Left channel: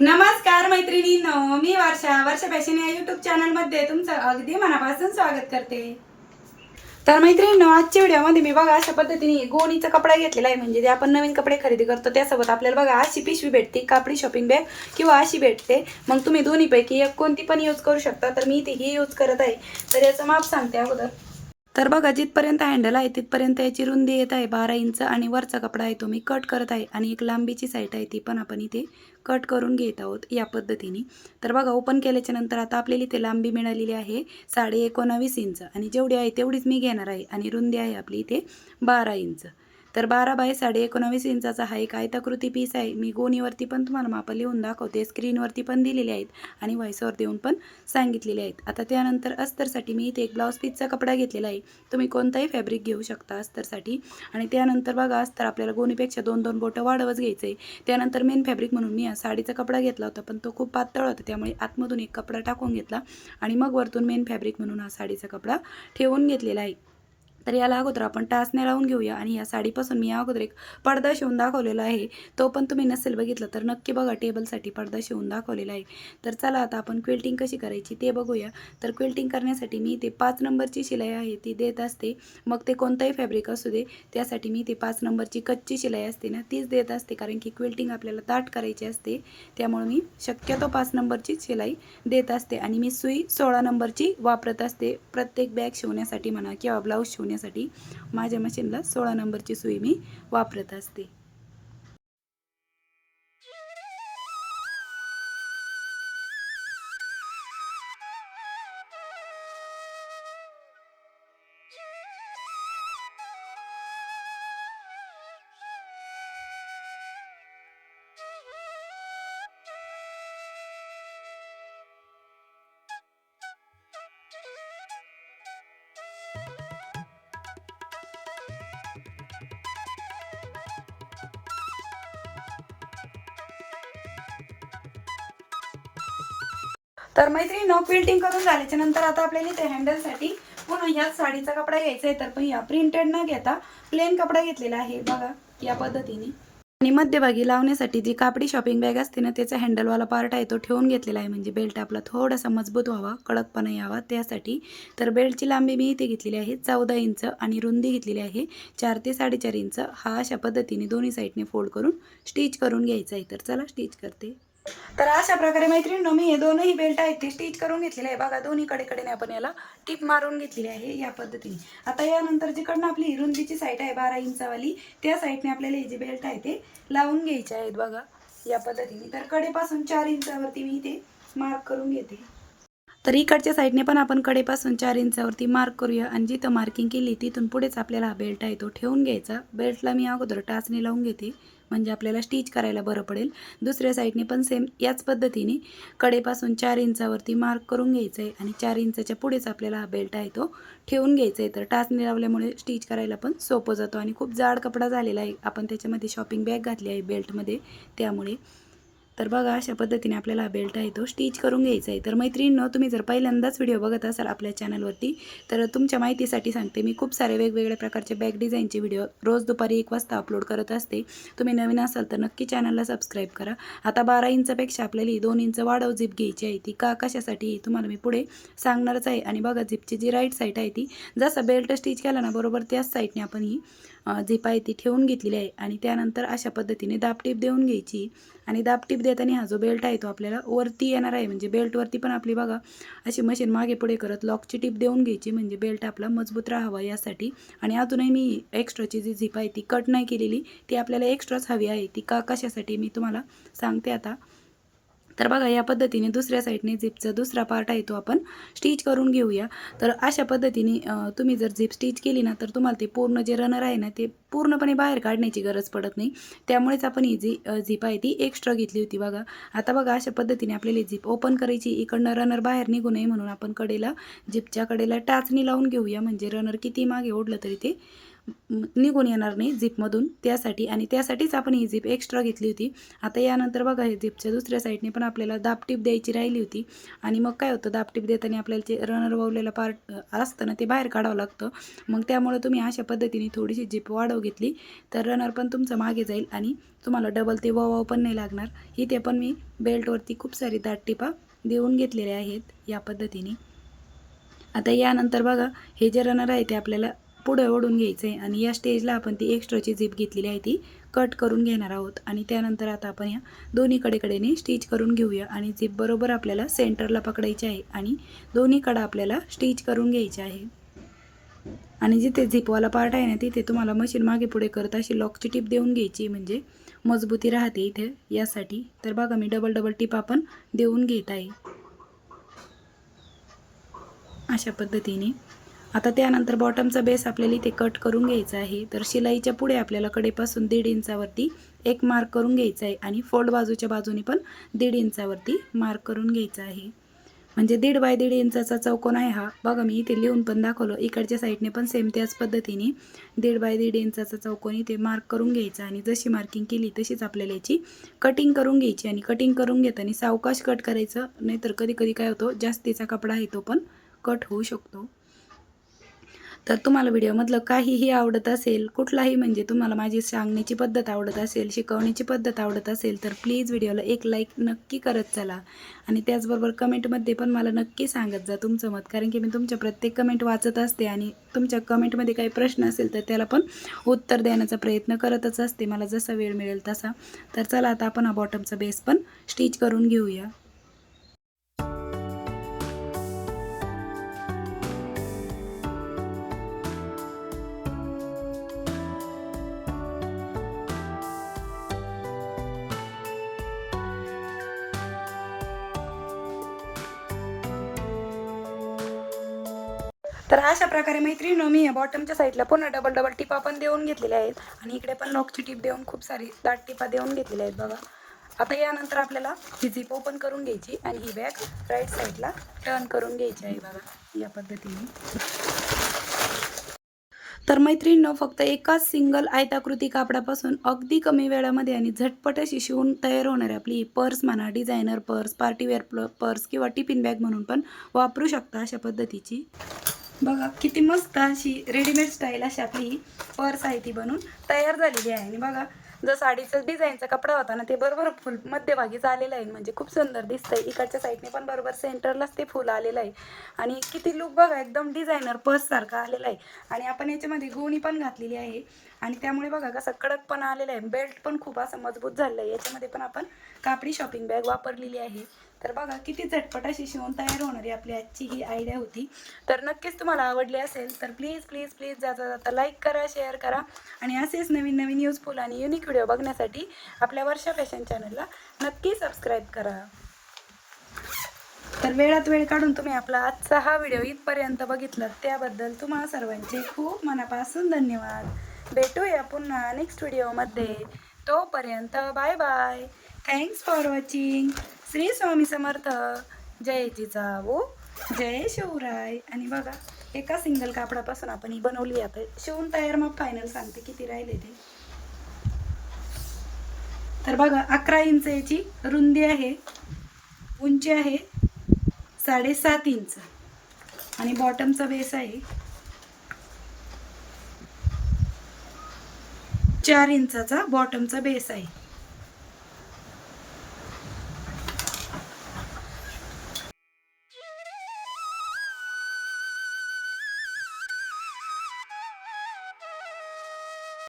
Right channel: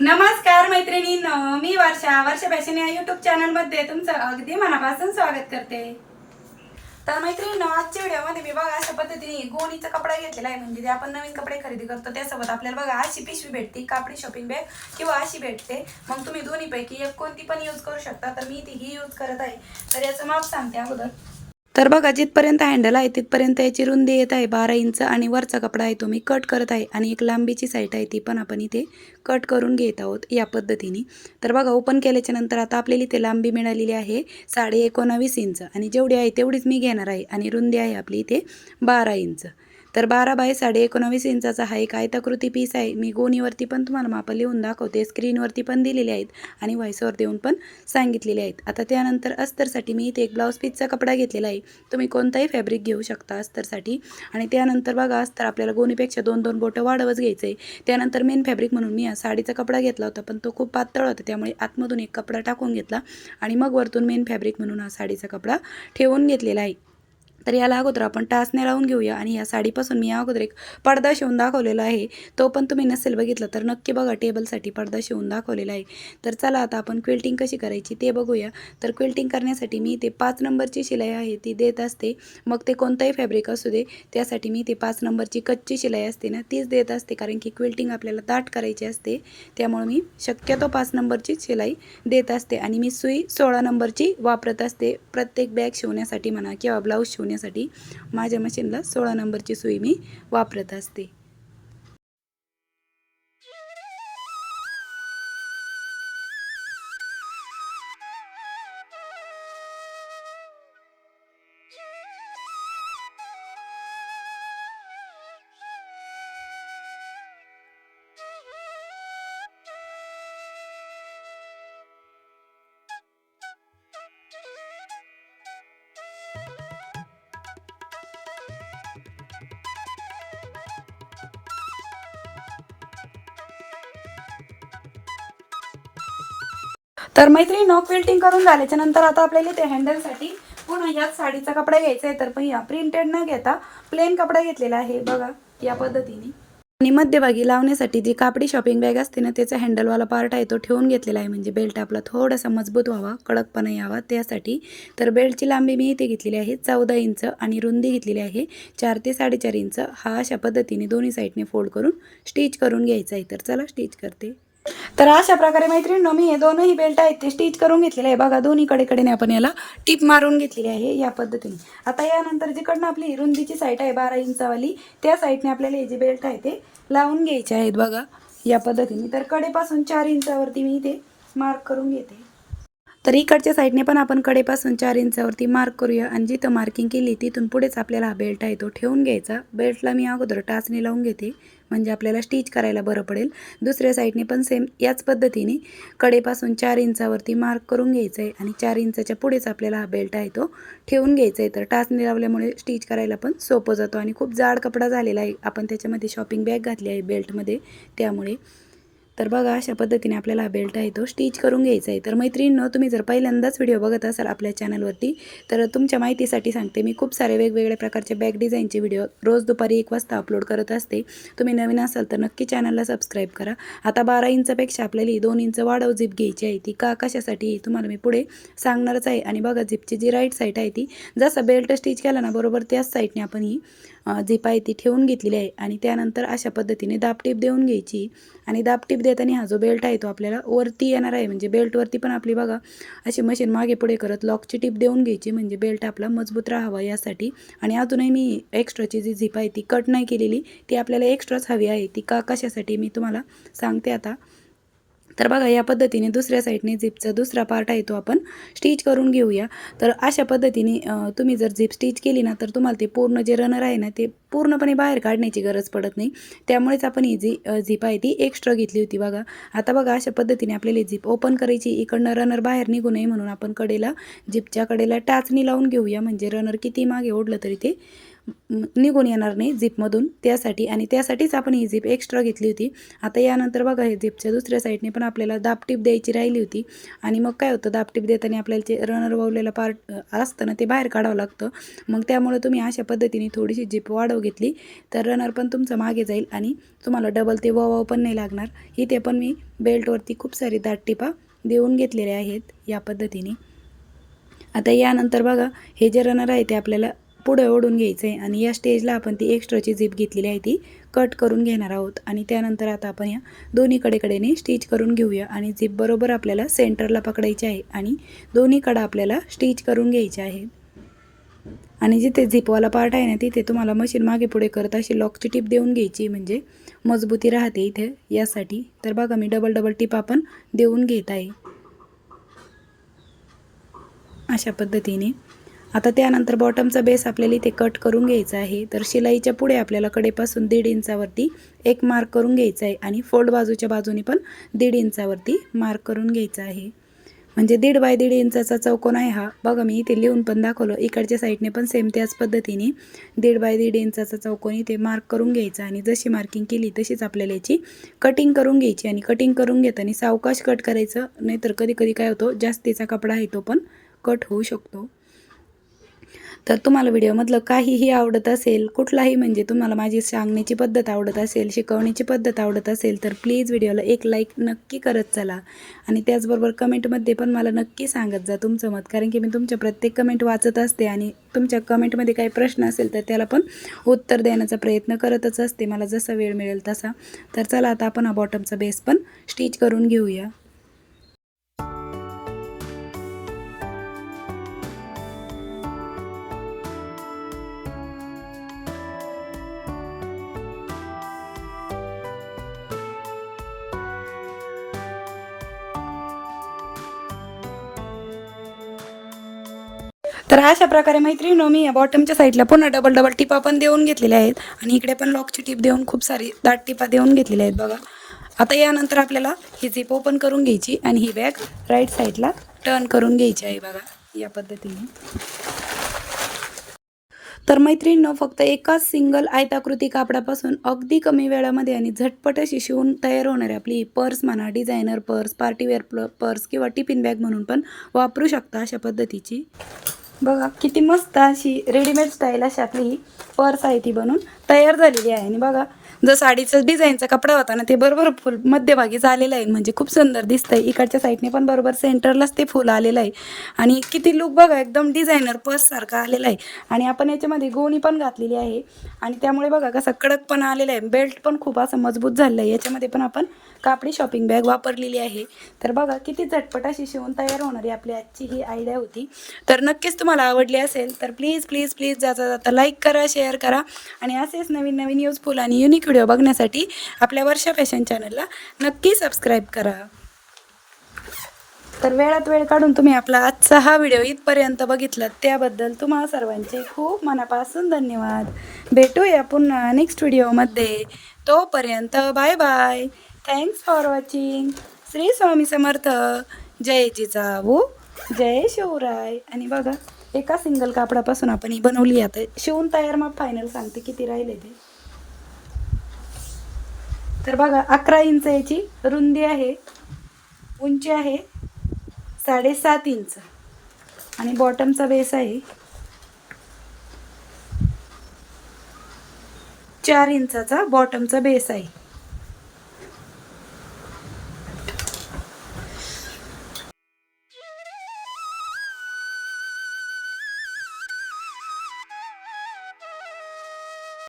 नमस्कार मैत्रिणी मी वर्षा. वर्षा फॅशन या युट्यूब चॅनलमध्ये तुमचं अगदी मनापासून स्वागत करते. तर मैत्रिणी आजच्या व्हिडिओमध्ये मी बघा अशा पद्धतीने गोणीचा कपडा घेतलेला आहे. म्हणजे जे आपण नवीन कपडे खरेदी करतो त्यासोबत आपल्याला बघा अशी पिशवी भेटते कापडी शॉपिंग बॅग किंवा अशी भेटते. मग तुम्ही दोन्हीपैकी एक कोणती पण यूज करू शकता. तर मी ती ही यूज करत आहे. तर याचं माप सांगते अगोदर. तर बघा जिथपर्यंत हँडल आहे तिथपर्यंत याची रुंदी येत आहे. बारा इंच आणि वरचा कपडा आहे तो मी कट करत आहे. आणि एक लांबीची साईट आहे ती पण आपण इथे कट करून घेत आहोत या पद्धतीने. तर बघा ओपन केल्याच्यानंतर आता आपल्याला इथे लांबी मिळालेली आहे साडे एकोणावीस इंच. आणि जेवढी आहे तेवढीच मी घेणार आहे. आणि रुंदी आहे आपली इथे बारा इंच. तर बारा बाय साडे एकोणावीस इंचाचा हा एक आयताकृती पीस आहे. मी गोणीवरती पण तुम्हाला मापं लिहून दाखवते. स्क्रीनवरती पण दिलेले आहेत आणि व्हॉइसवर देऊन पण सांगितलेले आहेत. आता त्यानंतर अस्तरसाठी मी इथे एक ब्लाऊज पीसचा कपडा घेतलेला आहे. तुम्ही कोणताही फॅब्रिक घेऊ शकता अस्तरसाठी. आणि त्यानंतर बघा अस्तर आपल्याला गोणीपेक्षा दोन दोन बोटं वाढवच घ्यायचं आहे त्यानंतर मेन फॅब्रिक म्हणून मी हा साडीचा कपडा घेतला होता पण तो खूप पातळ होता. त्यामुळे आतमधून एक कपडा टाकून घेतला आणि मग वरतून मेन फॅब्रिक म्हणून हा साडीचा कपडा ठेवून घेतलेला आहे. तर याला अगोदर आपण टाचने लावून घेऊया आणि या साडीपासून मी अगोदर एक पडदा शिवून दाखवलेला आहे. तो पण तुम्ही नसेल बघितलं तर नक्की बघा टेबलसाठी पडदा शिवून दाखवलेला आहे. तर चला आता आपण क्विल्टिंग कशी करायची ते बघूया. तर क्विल्टिंग करण्यासाठी मी ते पाच नंबरची शिलाई आहे ती देत असते. मग ते कोणताही फॅब्रिक असू दे त्यासाठी मी ते पाच नंबरची कच्ची शिलाई असते ना तीच देत असते. कारण की क्विल्टिंग आपल्याला दाट करायची असते त्यामुळे मी शक्यतो पाच नंबरची शिलाई देत असते. आणि मी सुई सोळा नंबरची वापरत असते. प्रत्येक बॅग शिवण्यासाठी म्हणा किंवा ब्लाऊज करण्यासाठी माझ्या मशीनला सोळा नंबरची सुई मी वापरत असते. तर मैत्रिणी नो क्विल्टिंग करून झाल्याच्यानंतर आता आपल्याला ते हँडलसाठी पुन्हा याच साडीचा कपडा घ्यायचा आहे. तर पण या प्रिंटेड न घेता प्लेन कपडा घेतलेला आहे. बघा या पद्धतीने. आणि मध्यभागी लावण्यासाठी जी कापडी शॉपिंग बॅग असते ना त्याचा हँडलवाला पार्ट आहे तो ठेवून घेतलेला आहे. म्हणजे बेल्ट आपला थोडासा मजबूत व्हावा कडकपणा यावा त्यासाठी. तर बेल्टची लांबी मी इथे घेतलेली आहे चौदा इंच आणि रुंदी घेतलेली आहे. चार ते साडेचार इंच हा अशा पद्धतीने दोन्ही साईडने फोल्ड करून स्टिच करून घ्यायचा आहे. तर चला स्टिच करते. तर अशा प्रकारे मैत्रिणींनो मी हे दोनही बेल्ट आहेत ते स्टिच करून घेतलेले आहे. बघा दोन्ही कडेकडेने आपण याला टिप मारून घेतलेली आहे या पद्धतीने. आता यानंतर जिकडनं आपली रुंदीची साईट आहे बारा इंचावाली त्या साईडने आपल्याला हे जे बेल्ट आहे ते लावून घ्यायचे आहेत. बघा या पद्धतीने. तर कडेपासून चार इंचावरती मी इथे मार्क करून घेते. तर इकडच्या साईडने पण आपण कडेपासून चार इंचावरती मार्क करूया आणि जिथं मार्किंग केली तिथून पुढेच आपल्याला हा बेल्ट आहे तो ठेवून घ्यायचा. बेल्टला मी अगोदर टाचणी लावून घेते. म्हणजे आपल्याला स्टिच करायला बरं पडेल. दुसऱ्या साईडने पण सेम याच पद्धतीने कडेपासून चार इंचावरती मार्क करून घ्यायचं आहे आणि चार इंचाच्या पुढेच आपल्याला हा बेल्ट आहे तो ठेवून घ्यायचा आहे तर टाचणी लावल्यामुळे स्टिच करायला पण सोपं जातो आणि खूप जाड कपडा झालेला आहे. आपण त्याच्यामध्ये शॉपिंग बॅग घातली आहे बेल्टमध्ये त्यामुळे तर बघा अशा पद्धतीने आपल्याला हा बेल्ट आहे तो स्टिच करून घ्यायचा आहे. तर मैत्रिणींनो तुम्ही जर पहिल्यांदाच व्हिडिओ बघत असाल आपल्या चॅनलवरती तर तुमच्या माहितीसाठी सांगते मी खूप सारे वेगवेगळ्या प्रकारचे बॅग डिझाईनचे व्हिडिओ रोज दुपारी एक वाजता अपलोड करत असते. तुम्ही नवीन असाल तर नक्की चॅनलला सबस्क्राईब करा. आता बारा इंचपेक्षा आपल्याला ही दोन इंच वाढव झिप घ्यायची आहे ती. का कशासाठी तुम्हाला मी पुढे सांगणारच आहे. आणि बघा झिपची जी राईट साईड आहे ती जसं बेल्ट स्टिच केला ना बरोबर त्याच साईडने आपण ही झिप आहे ती ठेवून घेतलेली आहे आणि त्यानंतर अशा पद्धतीने दाबटीप देऊन घ्यायची. आणि दापटीप देताना हा जो बेल्ट आहे तो आपल्याला वरती येणार आहे. म्हणजे बेल्टवरती पण आपली बघा अशी मशीन मागे पुढे करत लॉकची टीप देऊन घ्यायची. म्हणजे बेल्ट आपला मजबूत राहावा यासाठी. आणि अजूनही मी एक्स्ट्राची जी झिप आहे ती कट नाही केलेली ती आपल्याला एक्स्ट्राच हवी आहे. ती का कशासाठी मी तुम्हाला सांगते आता. तर बघा या पद्धतीने दुसऱ्या साईडने झिपचा दुसरा पार्ट आहे तो आपण स्टिच करून घेऊया. तर अशा पद्धतीने तुम्ही जर झिप स्टिच केली ना तर तुम्हाला ते पूर्ण जे रनर आहे ना ते पूर्णपणे बाहेर काढण्याची गरज पडत नाही. त्यामुळेच आपण ही जी झिप आहे ती एक्स्ट्रा घेतली होती बघा. आता बघा अशा पद्धतीने आपल्याला झिप ओपन करायची इकडनं रनर बाहेर निघू नये म्हणून आपण कडेला झिपच्या कडेला टाचणी लावून घेऊया. म्हणजे रनर किती मागे ओढलं तरी ते निघून येणार नाही झिपमधून त्यासाठी. आणि त्यासाठीच आपण ही झिप एक्स्ट्रा घेतली होती. आता यानंतर बघा हे झिपच्या दुसऱ्या साईडने पण आपल्याला दापटीप द्यायची राहिली होती. आणि मग काय होतं दापटीप देताना आपल्याला जे रनर वावलेला पार्ट असतं ना ते बाहेर काढावं लागतं. मग त्यामुळे तुम्ही अशा पद्धतीने थोडीशी झिप वाढव घेतली तर रनर पण तुमचं मागे जाईल आणि तुम्हाला डबल ते वाव पण नाही लागणार. इथे पण मी बेल्टवरती खूप सारी दाटटिपा देऊन घेतलेल्या आहेत या पद्धतीने. आता यानंतर बघा हे जे रनर आहे ते आपल्याला पुढे ओढून घ्यायचं आहे आणि या स्टेजला आपण ती एक्स्ट्राची झिप घेतलेली आहे ती कट करून घेणार आहोत. आणि त्यानंतर आता आपण या दोन्ही कडेकडेने स्टिच करून घेऊया. आणि झिप बरोबर आपल्याला सेंटरला पकडायची आहे. आणि दोन्ही कडा आपल्याला स्टिच करून घ्यायचे आहे. आणि जिथे झिपवाला पार्ट आहे ना तिथे तुम्हाला मशीन मागे पुढे करत अशी लॉकची टीप देऊन घ्यायची. म्हणजे मजबूती राहते इथे. यासाठी तर बघा मी डबल डबल टीप आपण देऊन घेत आहे. अशा पद्धतीने. आता त्यानंतर बॉटमचा बेस आपल्याला इथे कट करून घ्यायचा आहे. तर शिलाईच्या पुढे आपल्याला कडेपासून दीड इंचावरती एक मार्क करून घ्यायचा आहे आणि फोल्ड बाजूच्या बाजूने पण दीड इंचावरती मार्क करून घ्यायचा आहे. म्हणजे दीड बाय दीड इंचाचा चौकोन आहे हा. बघा मी इथे लिहून पण दाखवलं. इकडच्या साईडने पण सेम त्याच पद्धतीने दीड बाय दीड इंचाचा चौकोन इथे मार्क करून घ्यायचा आणि जशी मार्किंग केली तशीच आपल्याला याची कटिंग करून घ्यायची आणि कटिंग करून घेताना सावकाश कट करायचं. नाहीतर कधी कधी काय होतो जास्तीचा कपडा आहे तो पण कट होऊ शकतो. तर तुम्हाला व्हिडिओमधलं काहीही आवडत असेल कुठलाही म्हणजे तुम्हाला माझी सांगण्याची पद्धत आवडत असेल शिकवण्याची पद्धत आवडत असेल तर प्लीज व्हिडिओला एक लाईक नक्की करत चला. आणि त्याचबरोबर कमेंटमध्ये पण मला नक्की सांगत जा तुमचं मत कारण की मी तुमच्या प्रत्येक कमेंट वाचत असते आणि तुमच्या कमेंटमध्ये काही प्रश्न असेल तर त्याला पण उत्तर देण्याचा प्रयत्न करतच असते. मला जसा वेळ मिळेल तसा. तर चला आता आपण हा बॉटमचा बेस पण स्टिच करून घेऊया. तर अशा प्रकारे मैत्रिणी मी या बॉटमच्या साईडला पुन्हा डबल डबल टिपा पण देऊन घेतलेल्या आहेत. आणि इकडे पण लॉकची टिप देऊन खूप सारी दाट टिपा देऊन घेतलेल्या आहेत बघा. आता यानंतर आपल्याला ही झिप ओपन करून घ्यायची आणि ही बॅग राईट साईडला टर्न करून घ्यायची आहे बघा या पद्धतीने. तर मैत्रिणीनं फक्त एकाच सिंगल आयताकृती कापडापासून अगदी कमी वेळामध्ये आणि झटपट अशी शिवून तयार होणारी आपली पर्स म्हणा डिझायनर पर्स पार्टीवेअर प्ल पर्स किंवा टिफिन बॅग म्हणून पण वापरू शकता अशा पद्धतीची. बघा किती मस्त अशी रेडीमेड स्टाईल अशी आपली ही पर्स आहे ती बनून तयार झालेली आहे. आणि बघा जर साडीचं डिझाईनचा कपडा होता ना ते बरोबर फुल मध्यभागी झालेलं आहे. म्हणजे खूप सुंदर दिसतंय. इकडच्या साईडने पण बरोबर सेंटरलाच ते फुल आलेलं आहे. आणि किती लुक बघा एकदम डिझायनर पर्ससारखा आलेला आहे. आणि आपण याच्यामध्ये गोणी पण घातलेली आहे. आणि त्यामुळे बघा कसा कडकपणा आलेला आहे. बेल्ट पण खूप असं मजबूत झालं आहे. याच्यामध्ये पण आपण कापडी शॉपिंग बॅग वापरलेली आहे. तर बघा किती झटपट अशी शिवून तयार होणारी आपली आजची ही आयडिया होती. तर नक्कीच तुम्हाला आवडली असेल तर प्लीज प्लीज प्लीज जाता जाता लाईक करा शेअर करा. आणि असेच नवीन नवीन युजफुल आणि युनिक व्हिडिओ बघण्यासाठी आपल्या वर्षा फॅशन चॅनलला नक्की सबस्क्राईब करा. तर वेळात वेळ काढून तुम्ही आपला आजचा हा व्हिडिओ इथपर्यंत बघितला त्याबद्दल तुम्हा सर्वांचे खूप मनापासून धन्यवाद. भेटूया पुन्हा नेक्स्ट व्हिडिओमध्ये तोपर्यंत bye bye thanks for watching Shri Swami Samarth. जय जिजाऊ. जय शिवराय. आणि बघा एका सिंगल कापडापासून आपण ही बनवली आता शिवून तयार मग फायनल सांगते किती राहिले ते. तर बघा अकरा इंच याची रुंदी आहे उंची आहे साडेसात इंच. आणि बॉटमचा बेस आहे चार इंचाचा बॉटमचा बेस आहे.